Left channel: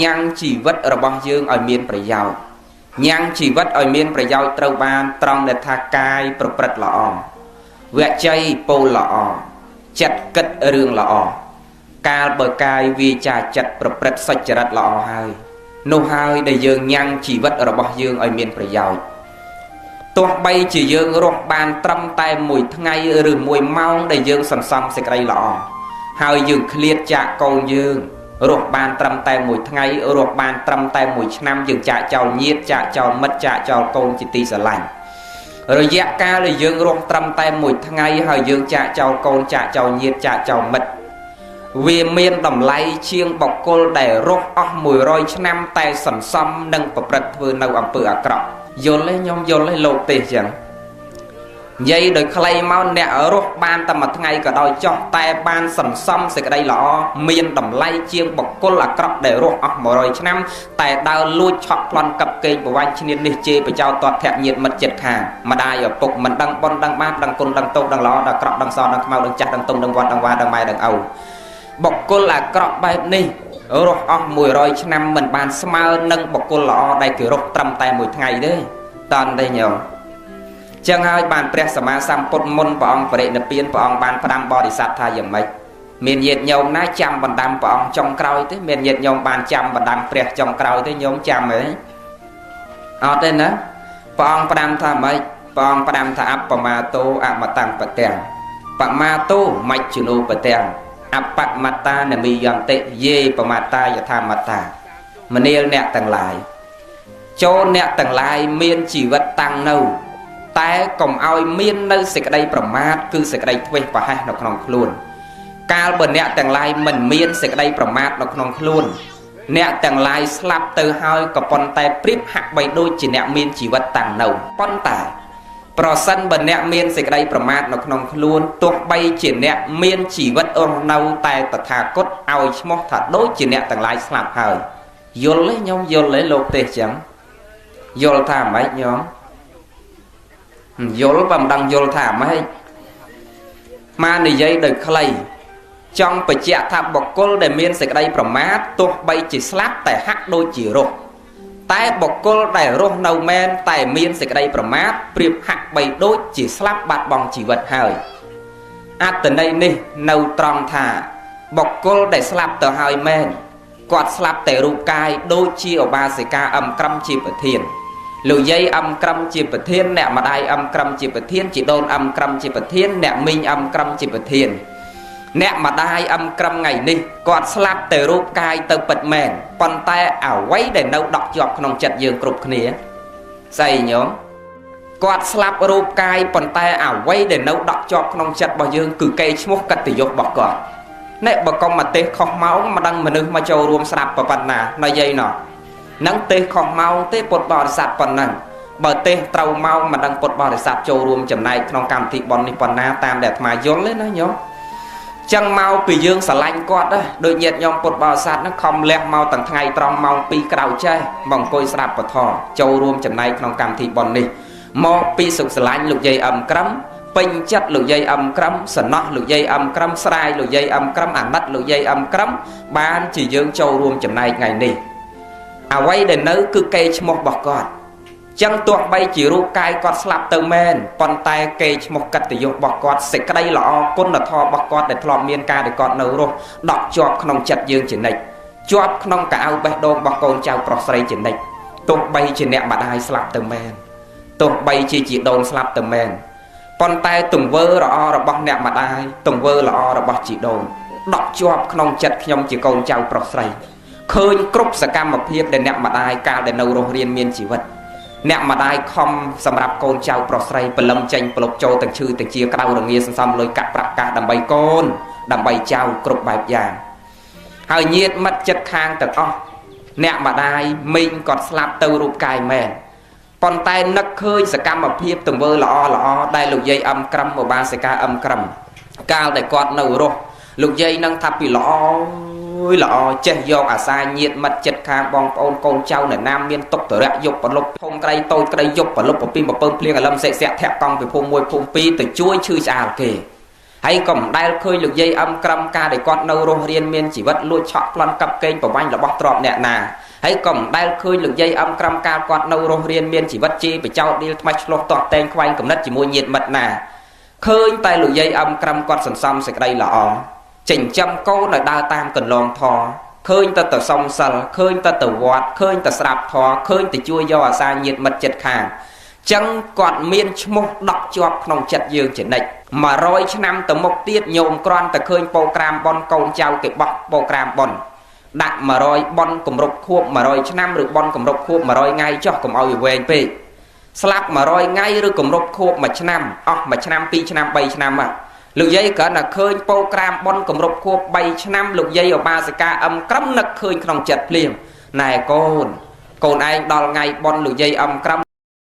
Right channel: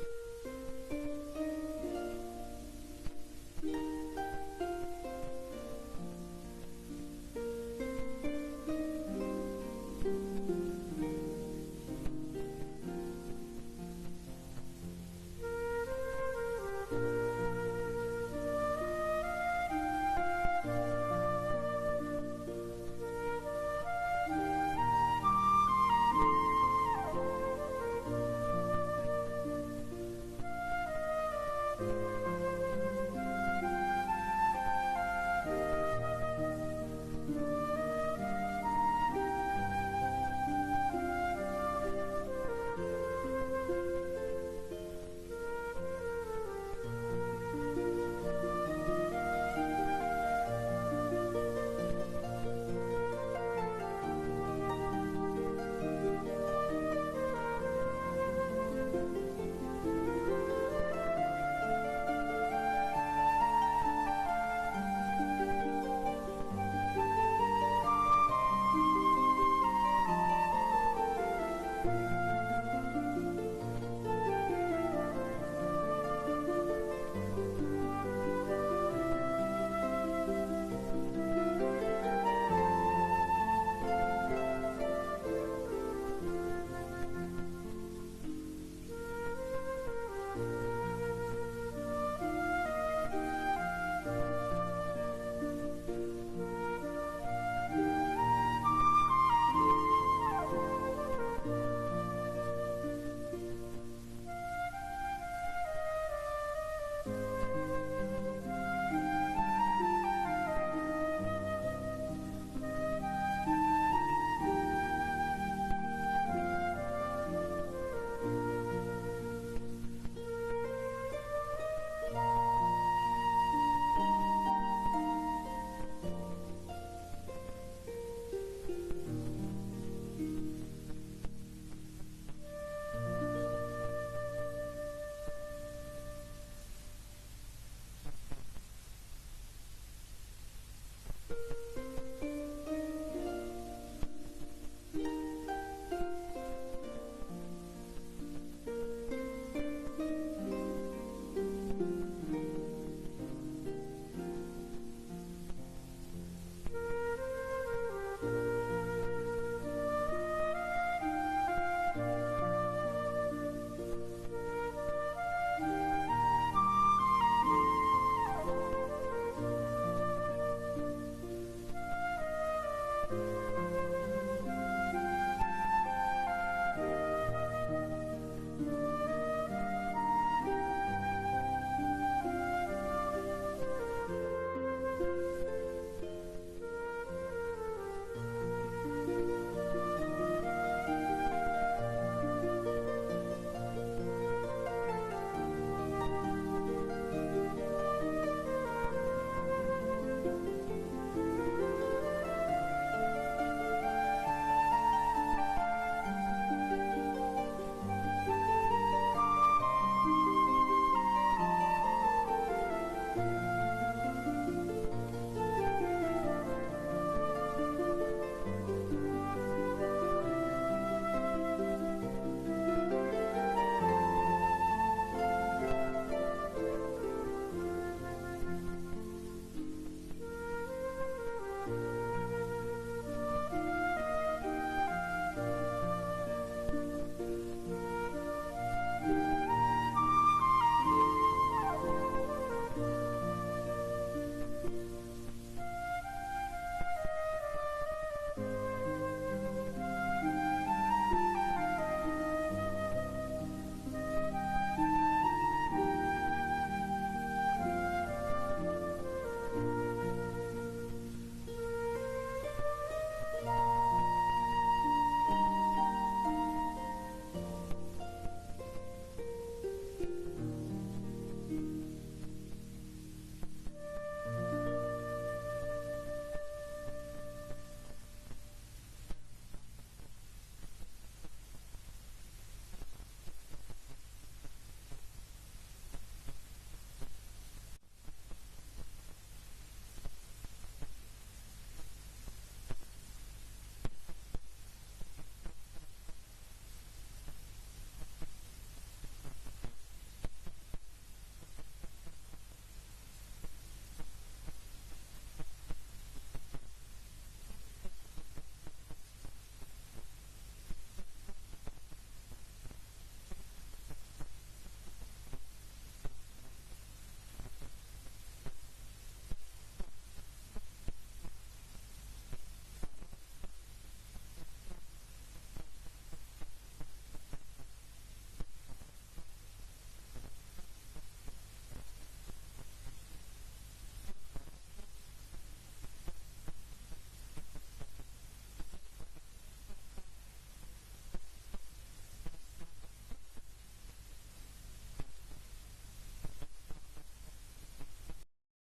nhang chỉ vật ở băng dương ở miềnประយោជន៍ nhang chỉ vật ở miềnประយោជន៍ ត្រូវបានត្រង់ដែលថាកាយប្រព្រឹត្តល្អវគ្គជ័យពោលល្អចិត្តគិតរឿងល្អកាលបើកាយវាចាចិត្តប្រព្រឹត្តសុចរិតល្អហើយនោះហើយដែលយើងញ៉ាំងជីវិតរបស់យើងឲ្យមានប្រយោជន៍ទោះបីជាយើងរស់បានត្រឹមតែមួយថ្ងៃឬមួយម៉ោងដែលយើងសន្សំសេចក្តីល្អហើយយើងឃ្លាតចាកកូនយើងរស់បានត្រឹមតែមួយថ្ងៃរស់បានត្រឹមតែមួយឆ្នាំយើងចាកចោលញាតិចាកចោលមិត្តចាកចោលកូនជាទីស្រឡាញ់រយៈកាលដែលយើងរស់ត្រឹមតែមួយថ្ងៃហើយយើងចាកចោលកូនចាកចោលញាតិចាកចោលមិត្តវាមានតម្លៃជាងបុគ្គលដែលរស់អស់100ឆ្នាំតែសន្សំនិងប្រព្រឹត្តធ្វើនៅអំពើអាក្រក់យល់ទេខ្ញុំយល់ទេលោកទេសចឹងនិយាយដោយខ្លីមកអ្នករស់បានតែមួយថ្ងៃក៏ដោយចោះតែបានសន្សំសេចក្តីល្អមានតម្លៃជាងបុគ្គលអាក្រក់ដែលរស់អស់100ឆ្នាំតែដើរលួចឆក់ប្លន់កាប់កេងប្រវាញ់ឈ្នានីសជេរបចោតតធៈញាតិមិត្តចិត្តខាងម្ដាយឪពុកមិនដឹងបុណ្យដឹងបាបដឹងគុណដឹងទោសដឹងល្អដឹងអាក្រក់ដឹងសដឹងខ្មៅដឹងចាស់ដឹងទុំដឹងវត្តដឹងវាដឹងម៉ែដឹងឪបុគ្គលអាក្រក់បែបនេះរស់អស់100ឆ្នាំមិនបានស្មើនឹងបុគ្គលល្អដែលគេរស់ត្រឹមតែមួយថ្ងៃទេតន់ទេញោមចឹងហើយបានព្រះសម្មាសម្ពុទ្ធមុនព្រះអង្គបរិនិព្វានព្រះអង្គបានផ្ដាំបរិស័ទថាយ៉ាងម៉េចមានញាតិញោមណាចាំបណ្ដាំព្រះអង្គចុងក្រោយទេមានញាតិញោមបានចាំបណ្ដាំព្រះចុងក្រោយទេញោមចាំទេអត់ទេណាព្រះអង្គផ្ដាំថាម៉េចព្រះអង្គផ្ដាំថាអបមាតោអមតੰបទាំងបមាតោមជ្ឈនោបទាំងអបមត្តានមីយន្តិយេបមត្តាយថាមត្តាមនាលអ្នកទាំងឡាយចូលអ្នកទាំងឡាយមានជីវិតតាំងនៅតែកុំឲ្យមាននៅសេចក្តីប្រមាទគឺសេចក្តីធ្វេសប្រហែសនៅក្នុងខ្លួនកាលបើអ្នកទាំងឡាយមិនមានសេចក្តីប្រមាទនៅក្នុងខ្លួនអ្នកទាំងឡាយស្លាប់ទៅហើយក៏ប៉ុន្តែប្រៀបហាក់បីដូចជាអ្នកមានជីវិតតាំងនៅប៉ុន្តែប្រសិនបើអ្នកមានសេចក្តីប្រមាទនៅក្នុងខ្លួនទោះបីជាអ្នកមានជីវិតរស់នៅតែតថាគតឲ្យឈ្មោះថាដូចជាអ្នកទាំងឡាយស្លាប់ហើយយល់ទេខ្ញុំយល់ទេលោកទេសចឹងយល់ថាម៉េចញោមយល់បើមិនដឹងយល់ថាម៉េចមកនិយាយដោយខ្លីចង់បញ្ជាក់ថាបុគ្គលដែលមានសេចក្តីប្រមាទទោះបីជាស្លាប់តែហាក់ដូចជារស់តែបុគ្គលដែលរស់នៅមែនតែមានសេចក្តីប្រមាទប្រៀបហាក់បីដូចជាស្លាប់បាត់បង់ជីវិតហើយអត្តន័យនេះនៅត្រង់ថាបុគ្គលដែលស្លាប់ទៅហើយមែនគាត់ស្លាប់តែរូបកាយដូចជាឧបាសិកាអឹមក្រឹមជាប្រធានលោកយាយអឹមក្រឹមជាប្រធានអ្នកម្ដាយអឹមក្រឹមជាប្រធានជីដូនអឹមក្រឹមជាប្រធានអ្នកមីងអឹមក្រឹមជាប្រធានអ្នកម្ដាយអឹមក្រឹមថ្ងៃនេះគាត់ស្លាប់តែរូបកាយទៅពិតមែនប៉ុន្តែអ្វីដែលនៅដក់ជាប់ក្នុងចិត្តយើងគ្រប់គ្នាស្អីញោមគាត់ស្លាប់រូបកាយប៉ុន្តែអ្វីដែលនៅដក់ជាប់ក្នុងចិត្តរបស់យើងគឺកេរ្តិ៍ឈ្មោះកិត្តិយសរបស់គាត់អ្នកបកុំមកទេសខុសម៉ោងមិនដឹងមនុស្សមកចូលរួមស្ដាប់ប៉ុណ្ណាណយាយណោះនឹងទេសខុសម៉ោងទេពុទ្ធបរិស័ទប៉ុណ្ណឹងបើទេសត្រូវម៉ោងមិនដឹងពុទ្ធបរិស័ទចូលរួមចំណែកក្នុងកម្មវិធីប៉ុននេះប៉ុណ្ណាតាមដែលអាត្មាយល់ទេណាញោមចឹងមកពីយើងស្រឡាញ់គាត់ណាដូចញាតិញោមពុទ្ធបរិស័ទហ្នឹងខំលះមកទាំងថ្ងៃត្រង់ម៉ោង2ក្រោយចេះមកអង្គុយស្ដាប់ពធចូលរួមចំណែកក្នុងកម្មវិធីប៉ុននេះមកពីសុខស្រឡាញ់លោកយាយអឹមក្រឹមពេញចិត្តលោកយាយអឹមក្រឹមសំណោះលោកយាយអឹមក្រឹមស្រាយលោកយាយអឹមក្រឹមអាណិតលោកយាយអឹមក្រឹមបានជាយើងចូលរួមចំណែកថ្ងៃនេះអ្វីដែលនៅគឺកេរ្តិ៍ឈ្មោះរបស់គាត់ចឹងទោះបីជារូបកាយគាត់ស្លាប់ទៅមែនប៉ុន្តែកេរ្តិ៍ឈ្មោះកិត្តិយសរបស់គាត់សេចក្តីល្អគុណធម៌របស់គាត់ដែលធ្លាប់មានការដែលគាត់នៅរស់ដក់ជាប់ក្នុងចិត្តយើងជានិច្ចជាប់ក្នុងកៅអៅបេះដូងរបស់កូនចៅប្រុសស្រីជានិច្ចទោះបីជាអ្នកម្ដាយស្លាប់ទៅមែនទោះបីជាជីដូនស្លាប់ទៅមែនប៉ុន្តែទង្វើល្អរបស់អ្នកម្ដាយទង្វើល្អរបស់ជីដូនដក់ជាប់ក្នុងចិត្តខ្ញុំជាកូនចៅប្រុសស្រីឃើញគ្រប់សកម្មភាពដែលអ្នកម្ដាយកាលដែលនៅរស់រានមានជីវិតអ្នកម្ដាយខំសម្រាប់កូនចៅប្រុសស្រីបលឹមចេញប្លុកចូលទាំងឈឺទាំងជាក្តៅរងាសន្សំលុយកាក់ប្រាក់កាសដើម្បីកូនដើម្បីចៅគ្រប់បែបយ៉ាងហើយញាតិមិត្តចិត្តខាងទាំងអស់អ្នកម្ដាយមីងគាត់ស្លាប់ទៅរូបកាយមែនប៉ុន្តែនឹកឃើញសកម្មភាពទង្វើល្អល្អដែលលោកយាយអឹមក្រឹមឧបាសិកាអឹមក្រឹមកាលដែលគាត់នៅរស់លោកយាយនឹងថាពីល្អល្អចេះយកអាសាញាតិមិត្តចិត្តខាងបងប្អូនកូនចៅអ្នកណាមានទុកតរៈយកប្រលប់ធំក្រីតូចក្រីយកប្រលប់ពីបំពើភ្លៀងអលឹមសេកស័កធាក់កង់ពីភូមិ1ភូមិ2ទៅជួយឈឺឆ្អាលគេ hay còn đai khơi lực dây âm cram ca để con nâu rô riêng miên chỉ vật lụi chọn plan cặp kênh của bánh là bóc trọp nè nà hay còn đai khơi lực dây âm cram ca con nâu rô riêng miên chỉ vật chi bị trao đi mạch lột tọt tên khoanh cầm đất chỉ mua nhiệt mật nà khơi tay lực dây âm cram con sần xăm sạch đây là ó chỉnh trăm câu là đa tam cần lòng thò khơi ta tờ song sờ khơi ta tờ vọt khơi ta sạp thò khơi ta chui do xa nhiệt mật chật khàng chẳng còn miên một đọc chọpក្នុងចិត្តយើងជានិច្ច100ឆ្នាំទៅមុខទៀតញោមគ្រាន់តែឃើញប្រូក្រាមបនកូនចៅគេបោះប្រូក្រាមបនដាក់100បនគម្រប់ខួប100ឆ្នាំឬបនគម្រប់ខួប100ថ្ងៃចុះកុំឲ្យវែងពេកស្លាប់100ថ្ងៃឬគម្រប់ខួប1ឆ្នាំអស់1ឆ្នាំ2ឆ្នាំ3ឆ្នាំលោកយាយគ្រាន់តែឃើញប្រូក្រាមបនគម្រប់ខួប3ឆ្នាំលោកយាយឧបាសិកាអឹមក្រឹមនឹកឃើញក្នុងចិត្តភ្លាមណែកូនឯងដល់ថ្ងៃបនលោកយាយអឹមក្រឹម